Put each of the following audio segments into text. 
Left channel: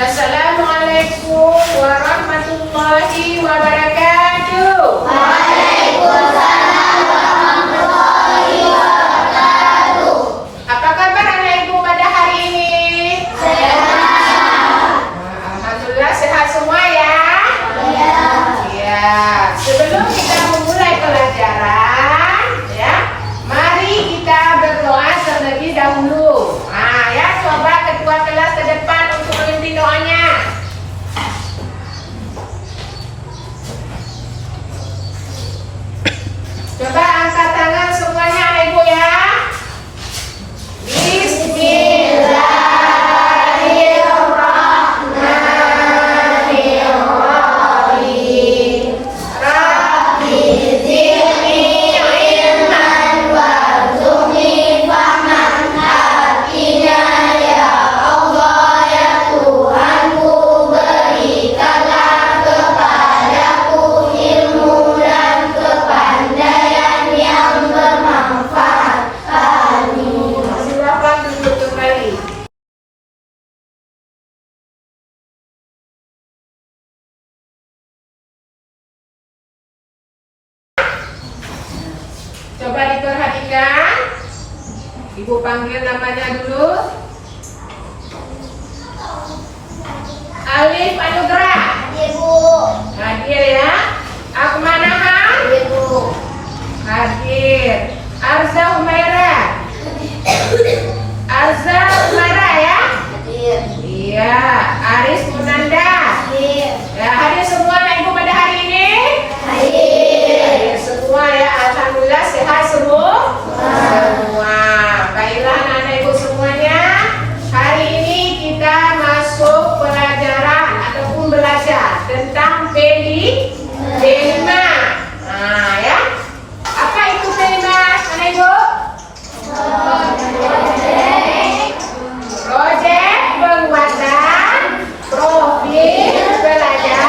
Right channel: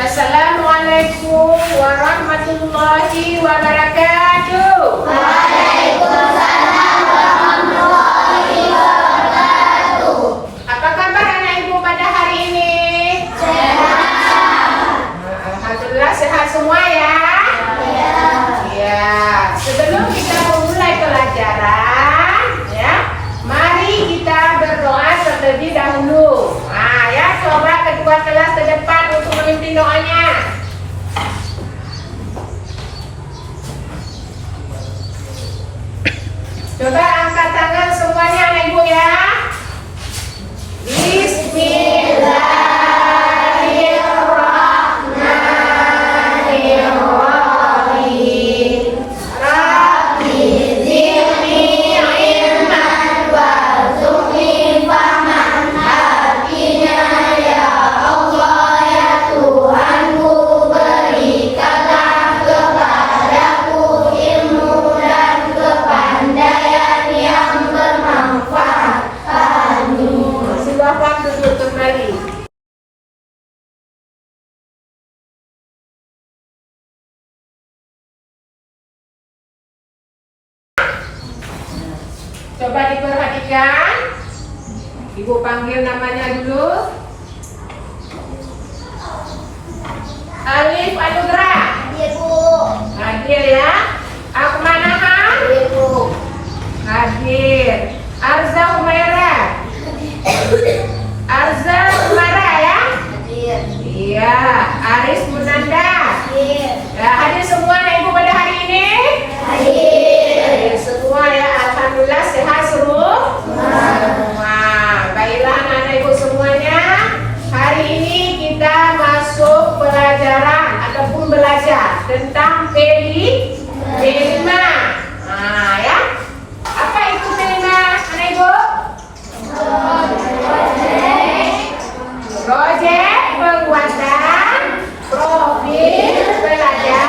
Assalamualaikum warahmatullahi wabarakatuh. Waalaikumsalam warahmatullahi wabarakatuh. Apa kabar anak ibu pada hari ini? Sehat. Alhamdulillah sehat semua ya. Ya. Ya, sebelum kita memulai pelajaran, ya, mari kita berdoa terlebih dahulu. Nah, ya, coba ketua kelas ke depan untuk memimpin doanya. Coba angkat tangan semuanya anak ibu ya. Bismillahirrahmanirrahim. Rabbi zidni ilman warzuqni fahman. Artinya ya Allah ya Tuhanku, berikanlah kepadaku ilmu dan kepandaian yang bermanfaat. Amin. Silakan duduk kembali. Coba diperhatikan. Ibu panggil namanya dulu. Alif Anugrah. Ibu. Hadir ya. Akmanahan. Ibu. Hadir. Arza Humaira. Arza Humaira ya. Hadir. Iya. Aris Munanda. Hadir. Ya, hadir semua anak ibu pada hari ini. Hadir. Hadir semua ya. Alhamdulillah sehat semua. Baiklah anak-anak ibu semuanya. Hari ini kita masuk pelajaran ataupun belajar tentang pelima. Nah ya. Apa itu pelima anak ibu? Proyek penguatan profil pelajar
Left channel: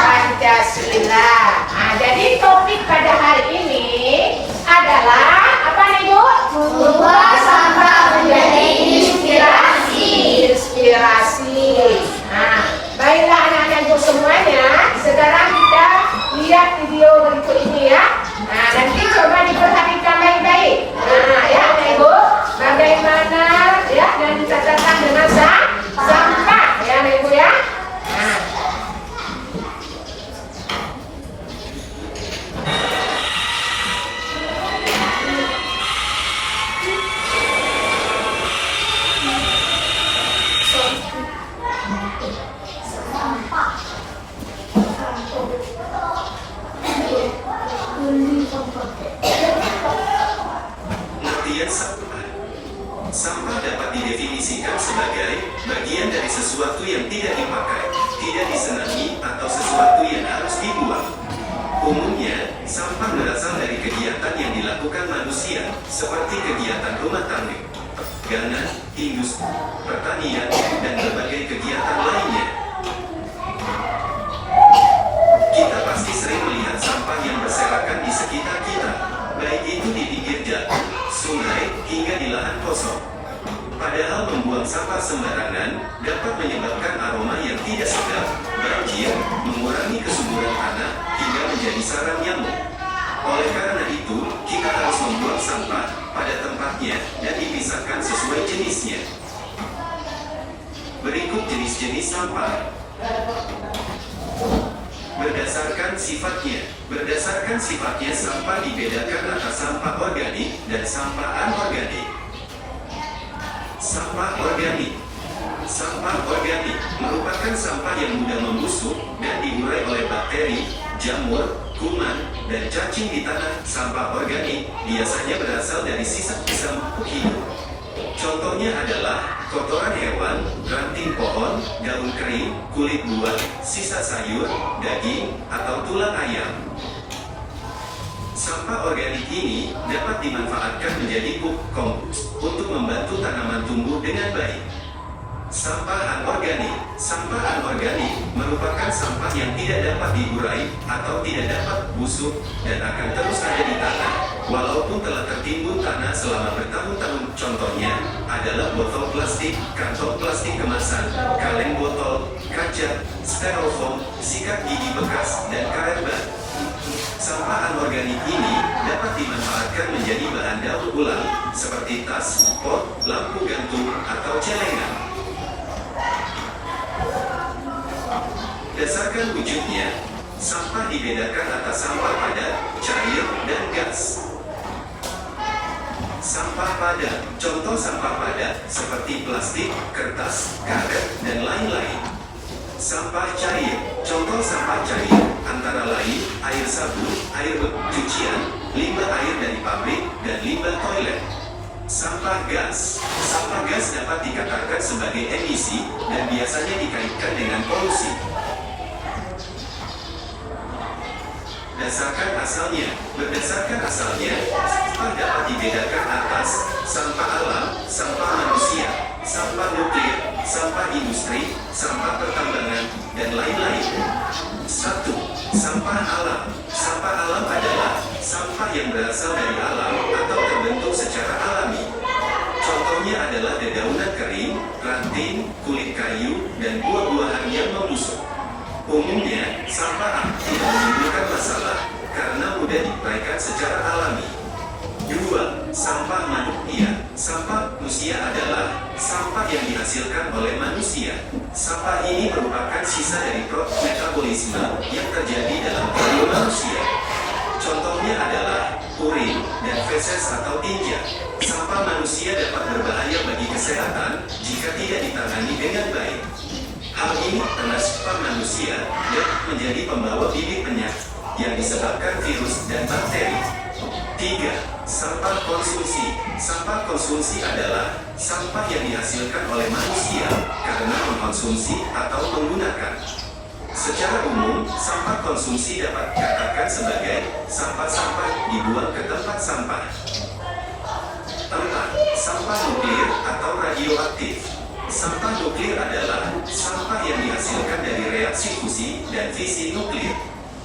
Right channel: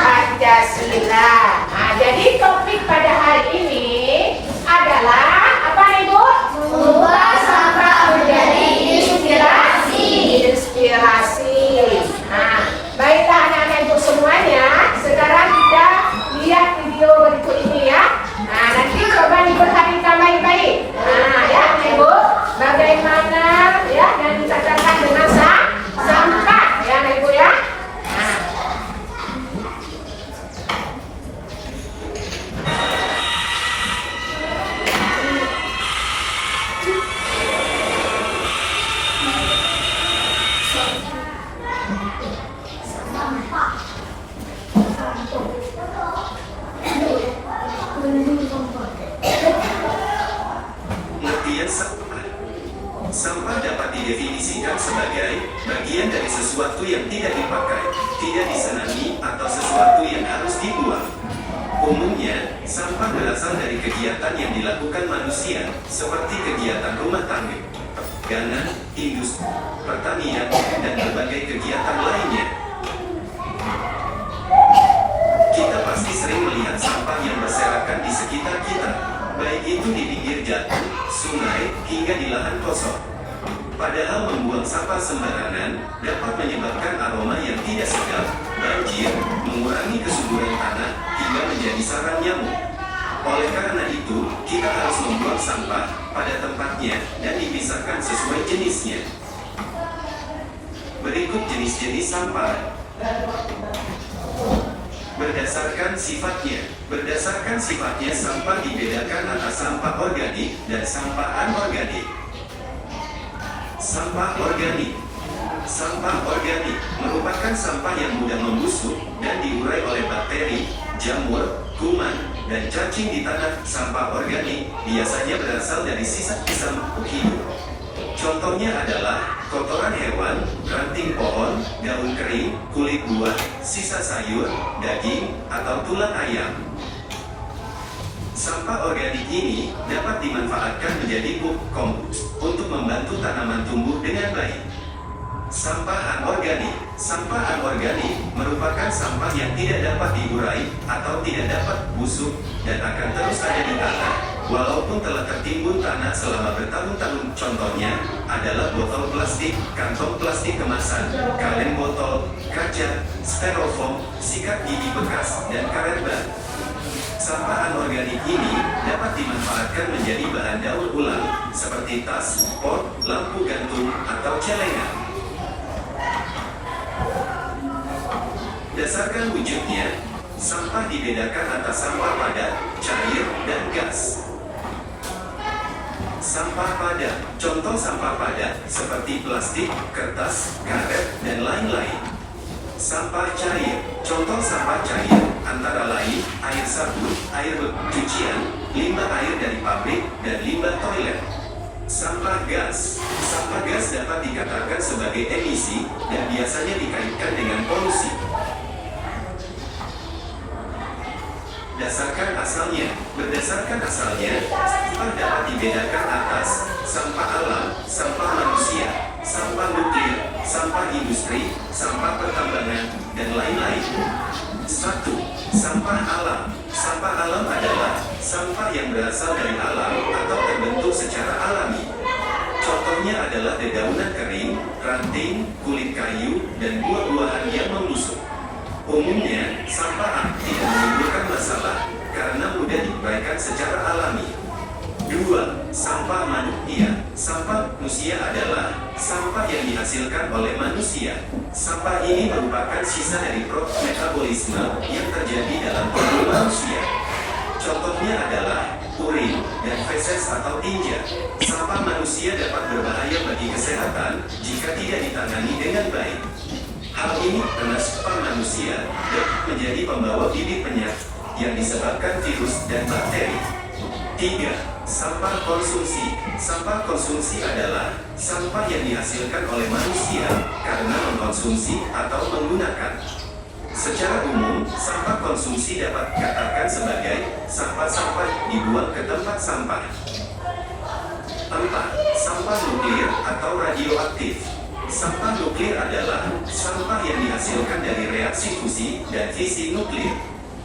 Pancasila. Nah, jadi topik pada hari ini adalah apa nih Bu? Mengubah sampah menjadi inspirasi. Inspirasi. Nah, baiklah anak-anak ibu semuanya. Sekarang kita lihat video berikut ini ya. Nah, nanti coba diperhatikan baik-baik. Nah, ya anak ibu, bagaimana ya dan dicatatkan dengan sampah ya anak ibu ya. Nah. Pengertian sampah. Sampah dapat didefinisikan sebagai bagian dari sesuatu yang tidak dipakai, tidak disenangi, atau sesuatu yang harus dibuang. Umumnya, sampah berasal dari kegiatan yang dilakukan manusia, seperti kegiatan rumah tangga, gangan, industri, pertanian, dan berbagai kegiatan lainnya. Kita pasti sering melihat sampah yang berserakan di sekitar kita, baik itu di pinggir jalan, sungai, hingga di lahan kosong. Padahal membuang sampah sembarangan dapat menyebabkan aroma yang tidak sedap, banjir, mengurangi kesuburan tanah, hingga menjadi sarang nyamuk. Oleh karena itu, kita harus membuang sampah pada tempatnya dan dipisahkan sesuai jenisnya. Berikut jenis-jenis sampah. Berdasarkan sifatnya sampah dibedakan atas sampah organik dan sampah anorganik. Sampah organik. Sampah organik merupakan sampah yang mudah membusuk dan diurai oleh bakteri, jamur, kuman, dan cacing di tanah. Sampah organik biasanya berasal dari sisa-sisa makhluk hidup. Contohnya adalah kotoran hewan, ranting pohon, daun kering, kulit buah, sisa sayur, daging, atau tulang ayam. Sampah organik ini dapat dimanfaatkan menjadi pupuk kompos untuk membantu tanaman tumbuh dengan baik. Sampah anorganik. Sampah anorganik merupakan sampah yang tidak dapat diurai atau tidak dapat busuk dan akan terus ada di tanah walaupun telah tertimbun tanah selama bertahun-tahun. Contohnya, adalah botol plastik, kantong plastik kemasan, kaleng botol, kaca, styrofoam, sikat gigi bekas, dan karet ban. Sampah anorganik ini dapat dimanfaatkan menjadi bahan daur ulang seperti tas, pot, lampu gantung, atau celengan. Dasarkan wujudnya, sampah dibedakan atas sampah padat, cair, dan gas. Sampah padat, contoh sampah padat seperti plastik, kertas, karet, dan lain-lain. Sampah cair, contoh sampah cair antara lain air sabun, air cucian, limbah air dari pabrik, dan limbah toilet. Sampah gas dapat dikatakan sebagai emisi dan biasanya dikaitkan dengan polusi. Berdasarkan asalnya, sampah dapat dibedakan atas sampah alam, sampah manusia, sampah nuklir, sampah industri, sampah pertambangan, dan lain-lain. 1. Sampah alam. Sampah alam adalah sampah yang berasal dari alam atau terbentuk secara alami. Contohnya adalah dedaunan kering, ranting, kulit kayu, dan buah-buahan yang membusuk. Umumnya, sampah tidak menimbulkan masalah karena mudah diuraikan secara alami. 2. Sampah manusia. Sampah manusia adalah sampah yang dihasilkan oleh manusia. Sampah ini merupakan sisa dari proses metabolisme yang terjadi dalam tubuh manusia. Contohnya adalah urin dan feses atau tinja. Sampah manusia dapat berbahaya bagi kesehatan jika tidak ditangani dengan baik. Hal ini karena sampah manusia dapat menjadi pembawa bibit penyakit yang disebabkan virus dan bakteri. 3. Sampah konsumsi. Sampah konsumsi adalah sampah yang dihasilkan oleh manusia karena mengkonsumsi atau menggunakan. Secara umum, sampah konsumsi dapat dikatakan sebagai sampah-sampah dibuang ke tempat sampah. 4. Sampah nuklir atau radioaktif. Sampah nuklir adalah sampah yang dihasilkan dari reaksi fusi dan fisi nuklir.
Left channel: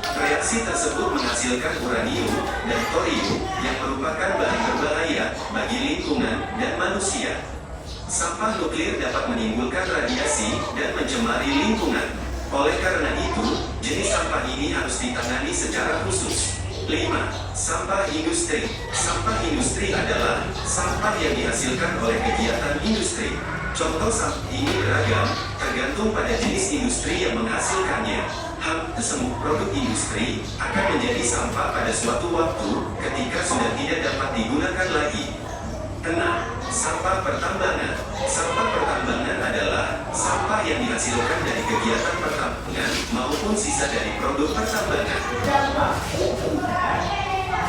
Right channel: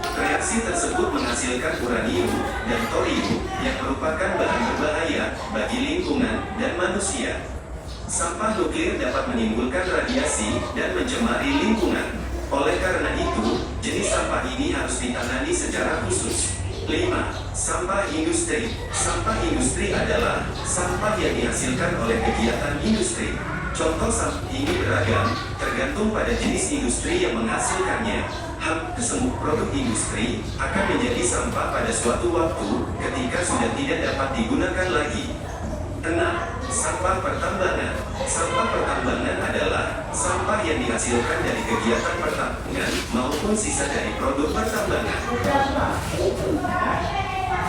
Reaksi tersebut menghasilkan uranium dan thorium yang merupakan bahan berbahaya bagi lingkungan dan manusia. Sampah nuklir dapat menimbulkan radiasi dan mencemari lingkungan. Oleh karena itu, jenis sampah ini harus ditangani secara khusus. 5. Sampah industri. Sampah industri adalah sampah yang dihasilkan oleh kegiatan industri. Contoh sampah ini beragam, tergantung pada jenis industri yang menghasilkannya. Hampir semua produk industri akan menjadi sampah pada suatu waktu ketika sudah tidak dapat digunakan lagi. 6. Sampah pertambangan. Sampah pertambangan adalah sampah yang dihasilkan dari kegiatan pertambangan maupun sisa dari produk pertambangan.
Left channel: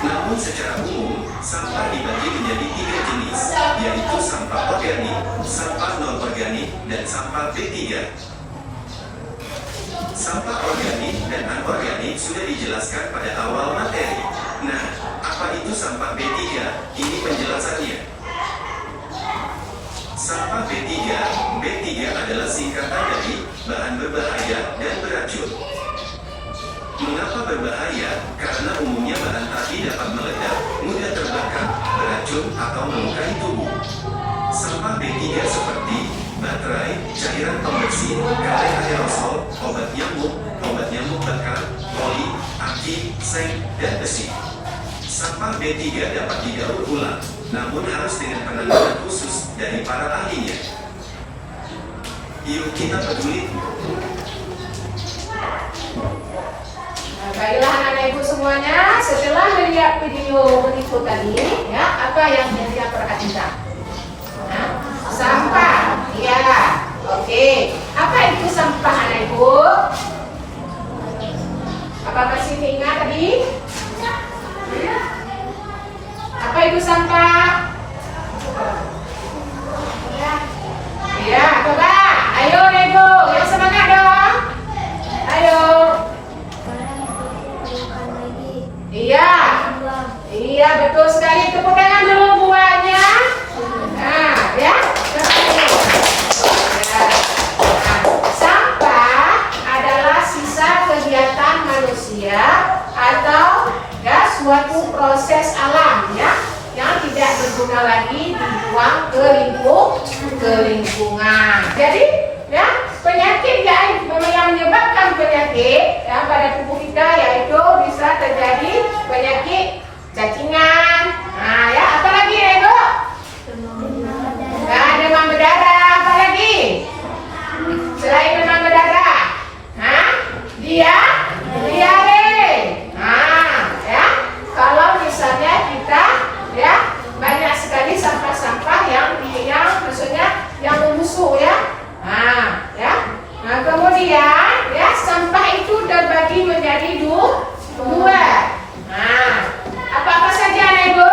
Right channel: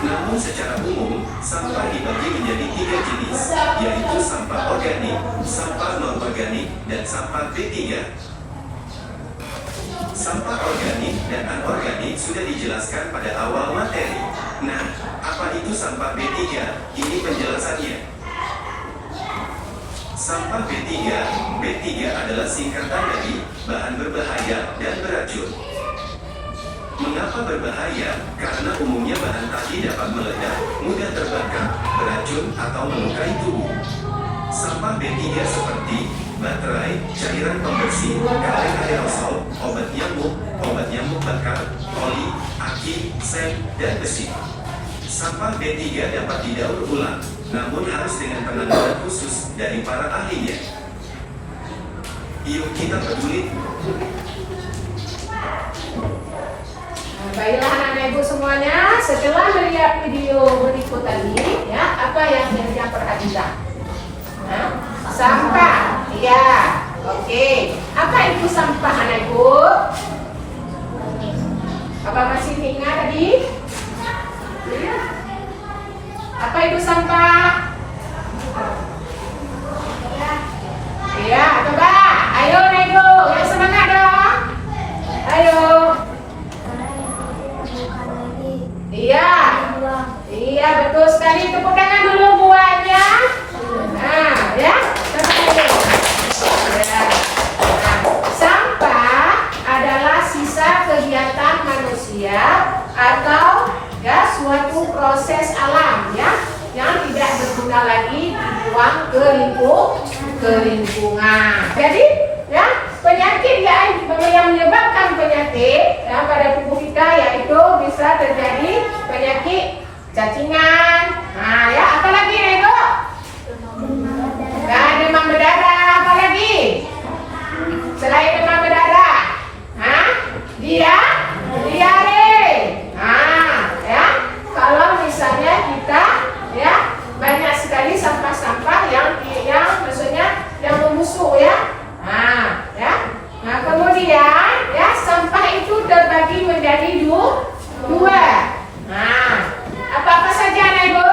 Namun secara umum, sampah dibagi menjadi 3 jenis, yaitu sampah organik, sampah non-organik, dan sampah B3. Sampah organik dan anorganik sudah dijelaskan pada awal materi. Nah, apa itu sampah B3? Ini penjelasannya. Sampah B3 adalah singkatan dari bahan berbahaya dan beracun. Mengapa berbahaya? Karena umumnya bahan tadi dapat meledak, mudah terbakar, beracun, atau melukai tubuh. Sampah B3 seperti baterai, cairan pembersih, kaleng aerosol, obat nyamuk bakar, oli, aki, seng, dan besi. Sampah B3 dapat didaur ulang, namun harus dengan penanganan khusus dari para ahlinya. Yuk kita peduli. Baiklah anak-anak ibu semuanya, setelah melihat video berikut tadi, ya, apa yang kita perhatikan? Sampah, ya, oke. Apa itu sampah anak ibu? Apa kasih ingat tadi? Apa itu sampah? Ya, coba. Ayo anak ibu, yang semangat dong. Ayo. Iya betul sekali. Tepuk tangan dulu buatnya. Nah, ya. Sampah adalah sisa kegiatan manusia atau ya suatu proses alam ya yang tidak berguna lagi buang ke lingkungan. Jadi ya penyakit ya yang menyebabkan penyakit ya pada tubuh kita yaitu bisa terjadi penyakit cacingan. Nah ya apalagi ya Ibu? Ya, demam berdarah, apa lagi? Selain demam berdarah, diare. Nah, ya, kalau misalnya kita ya banyak sekali sampah-sampah yang maksudnya yang membusuk ya. Nah, ya. Nah, kemudian ya sampah itu terbagi menjadi dua. Nah, apa saja Ibu?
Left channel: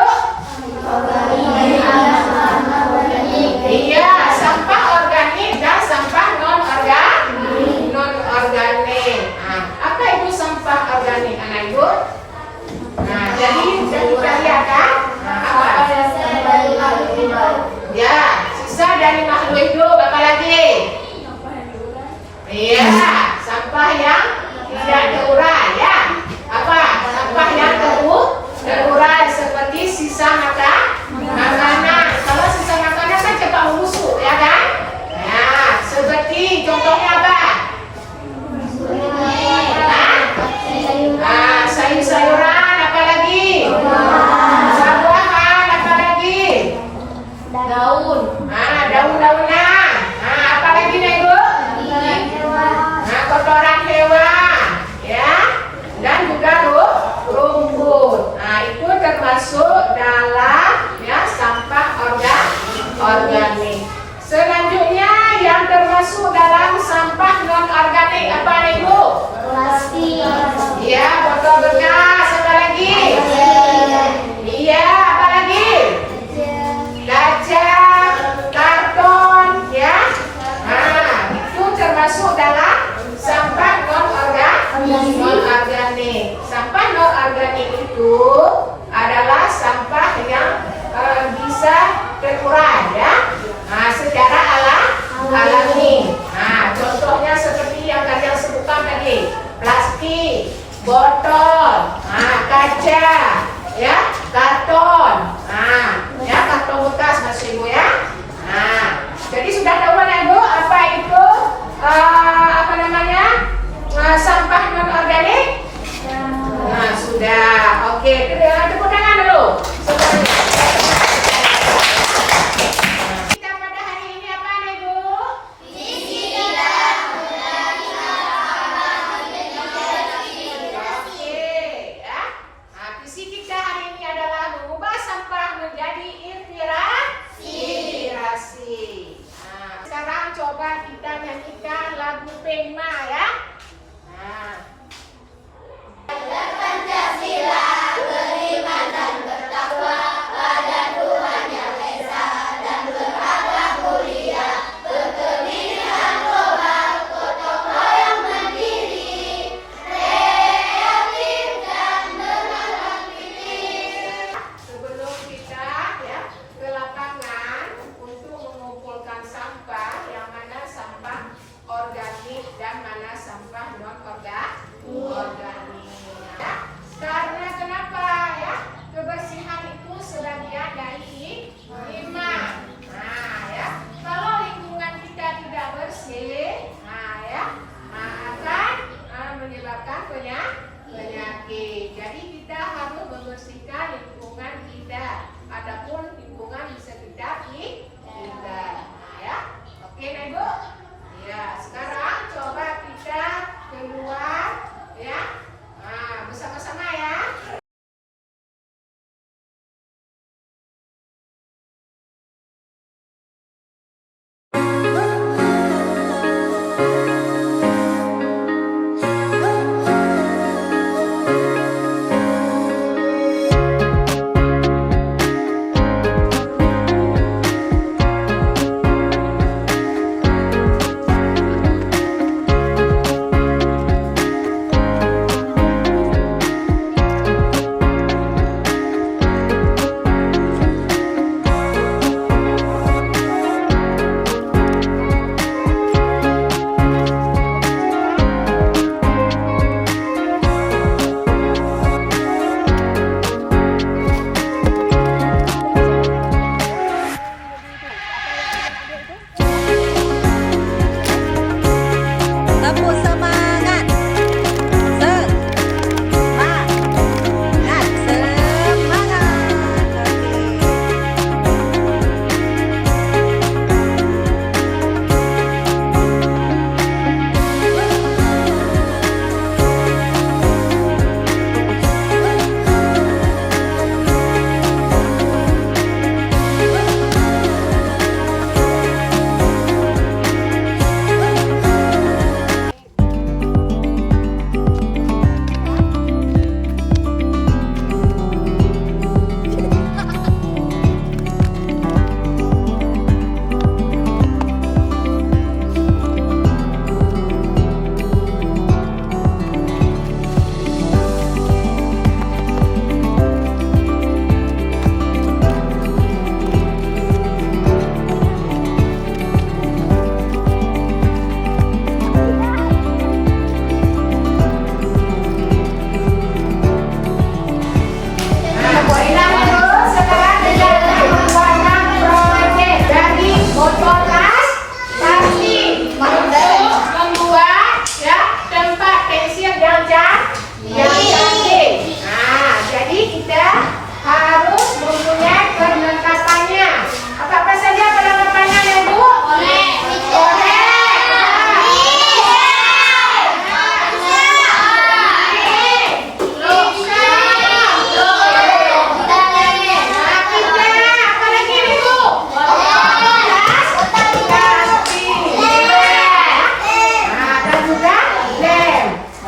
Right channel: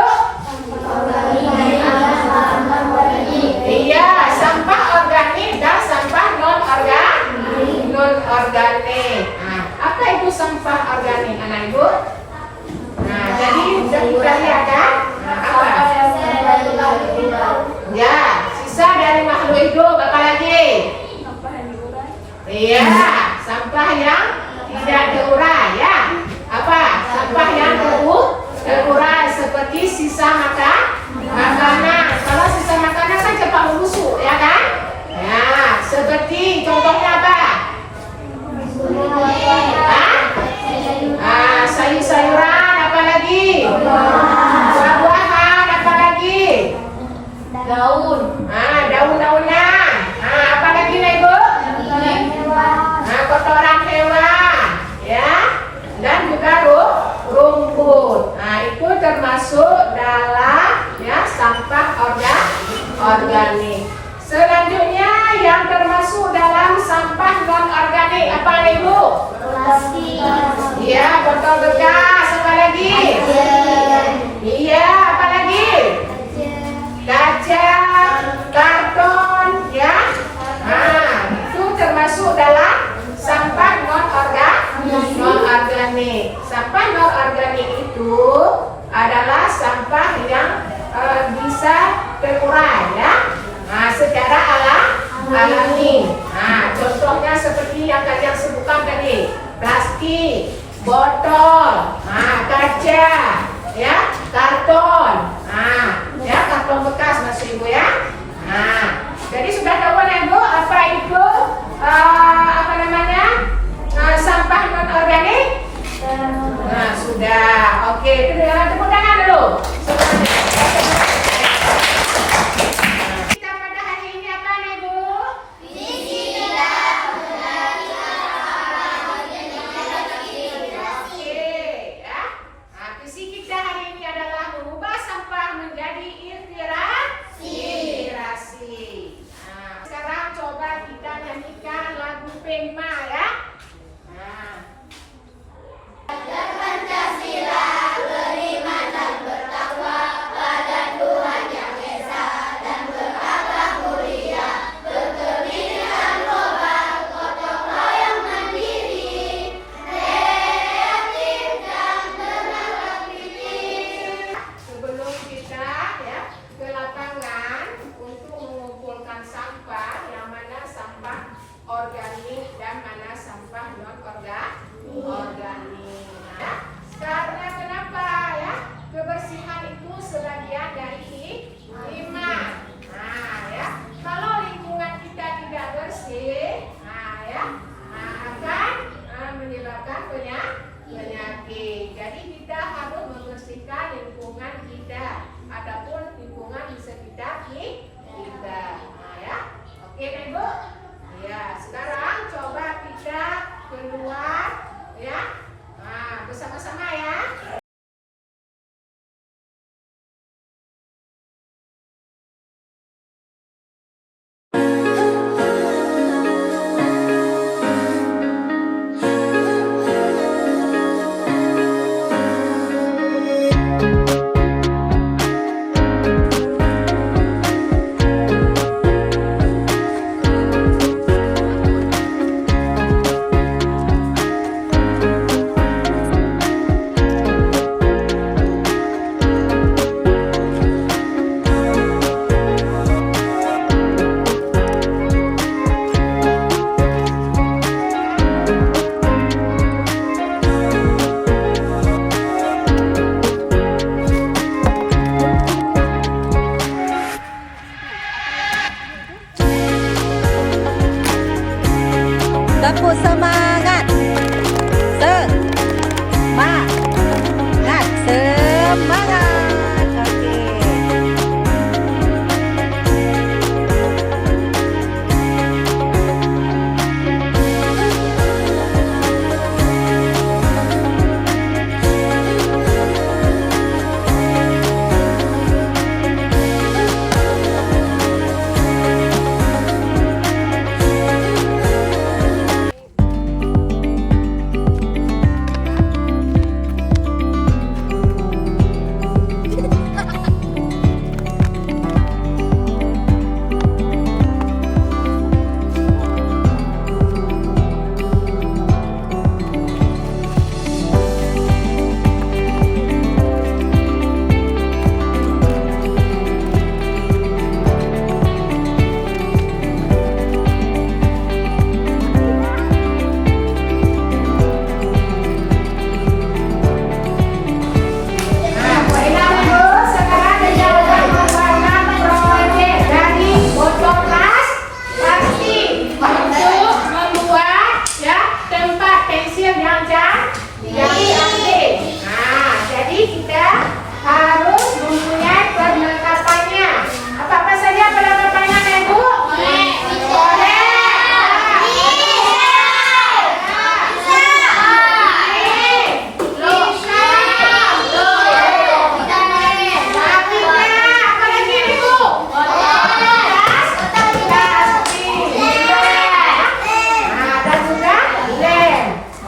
Iya, sampah organik dan sampah non organik. Nah, apa itu sampah organik, anak Ibu? Nah, jadi sudah kita lihat kan? Nah, apa? Ya, sisa dari makhluk hidup. Apa lagi? Iya, sampah yang tidak terurai ya. Apa? Sampah yang terurai seperti sisa makanan. Kalau sisa makanan kan cepat membusuk, ya kan? Ya, seperti contohnya apa? Sayur-sayuran, apa lagi? Buah-buahan, apa lagi? Daun-daunan. Apa lagi nih Ibu? Kotoran hewan, ya, dan juga rumput. Nah, itu termasuk dalam ya sampah organik. Selanjutnya yang termasuk dalam sampah non organik apa Ibu? Plastik. Ya, botol bekas. Apa lagi? Iya, apa lagi? Kaca, karton, ya. Nah, itu termasuk dalam sampah non organik. Sampah non organik itu adalah sampah yang bisa terurai ya. Nah, secara alami. Nah, contohnya seperti yang kalian sebutkan tadi, plastik, botol, kaca, ya, karton. Nah, ya karton bekas maksud Ibu ya. Nah, jadi sudah tahu ya Ibu apa itu sampah non organik? Nah, sudah. Oke, tepuk tangan dulu. Kita pada hari ini apa Ibu? Visi kita hari ini adalah mengubah sampah menjadi inspirasi. Nah, sekarang coba kita nyanyikan lagu Pema ya. Sebelum kita ya ke lapangan untuk mengumpulkan sampah yang mana sampah organik dan mana Tepuk semangat. Semangat. Semangat.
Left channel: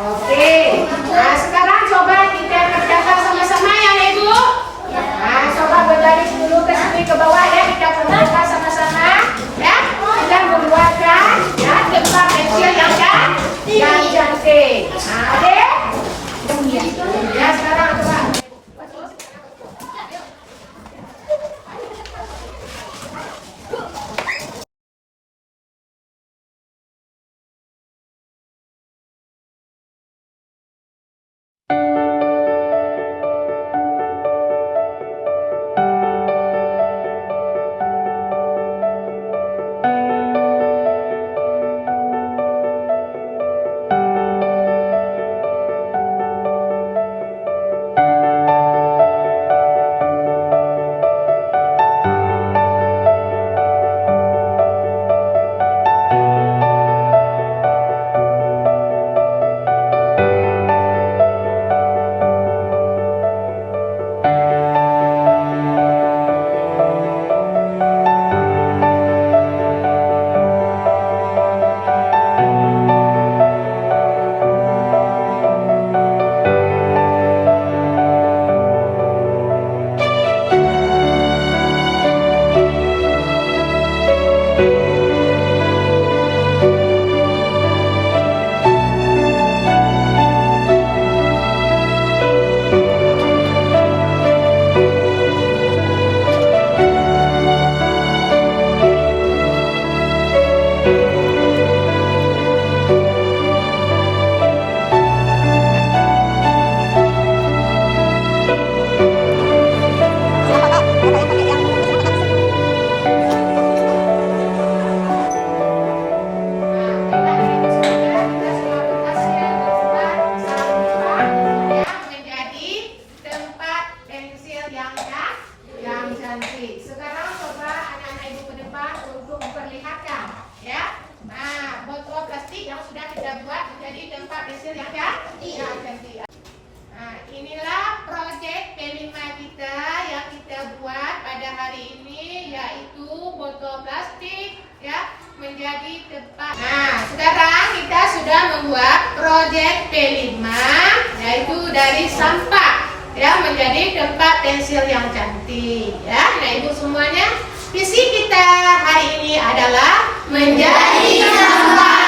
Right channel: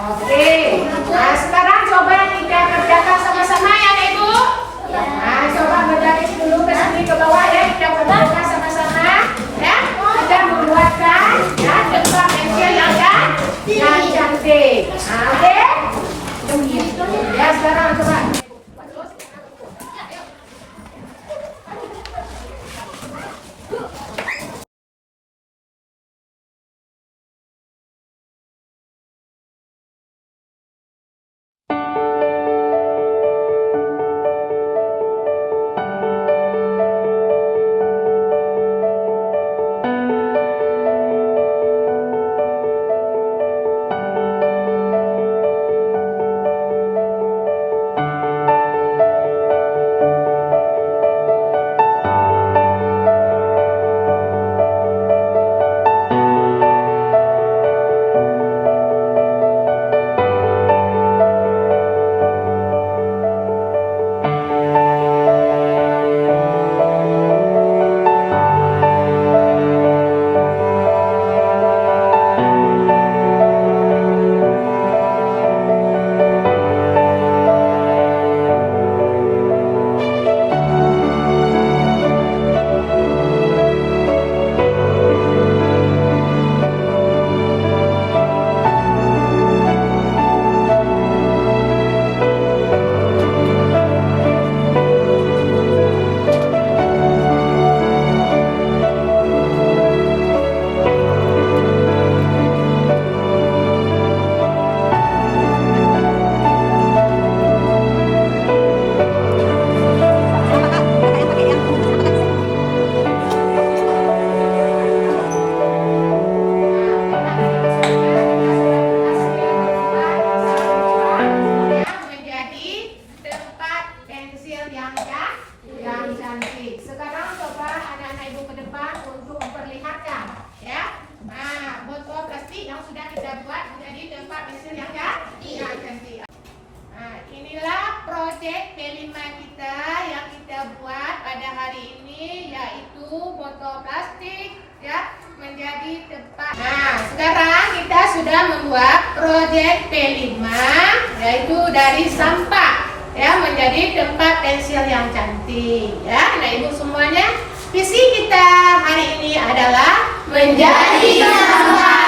Oke. botol plastik ya menjadi tempat. Nah, sekarang kita sudah membuat proyek P5 yaitu dari sampah ya menjadi tempat pensil yang cantik ya. Nah, Ibu semuanya, visi kita hari ini adalah menjadi sampah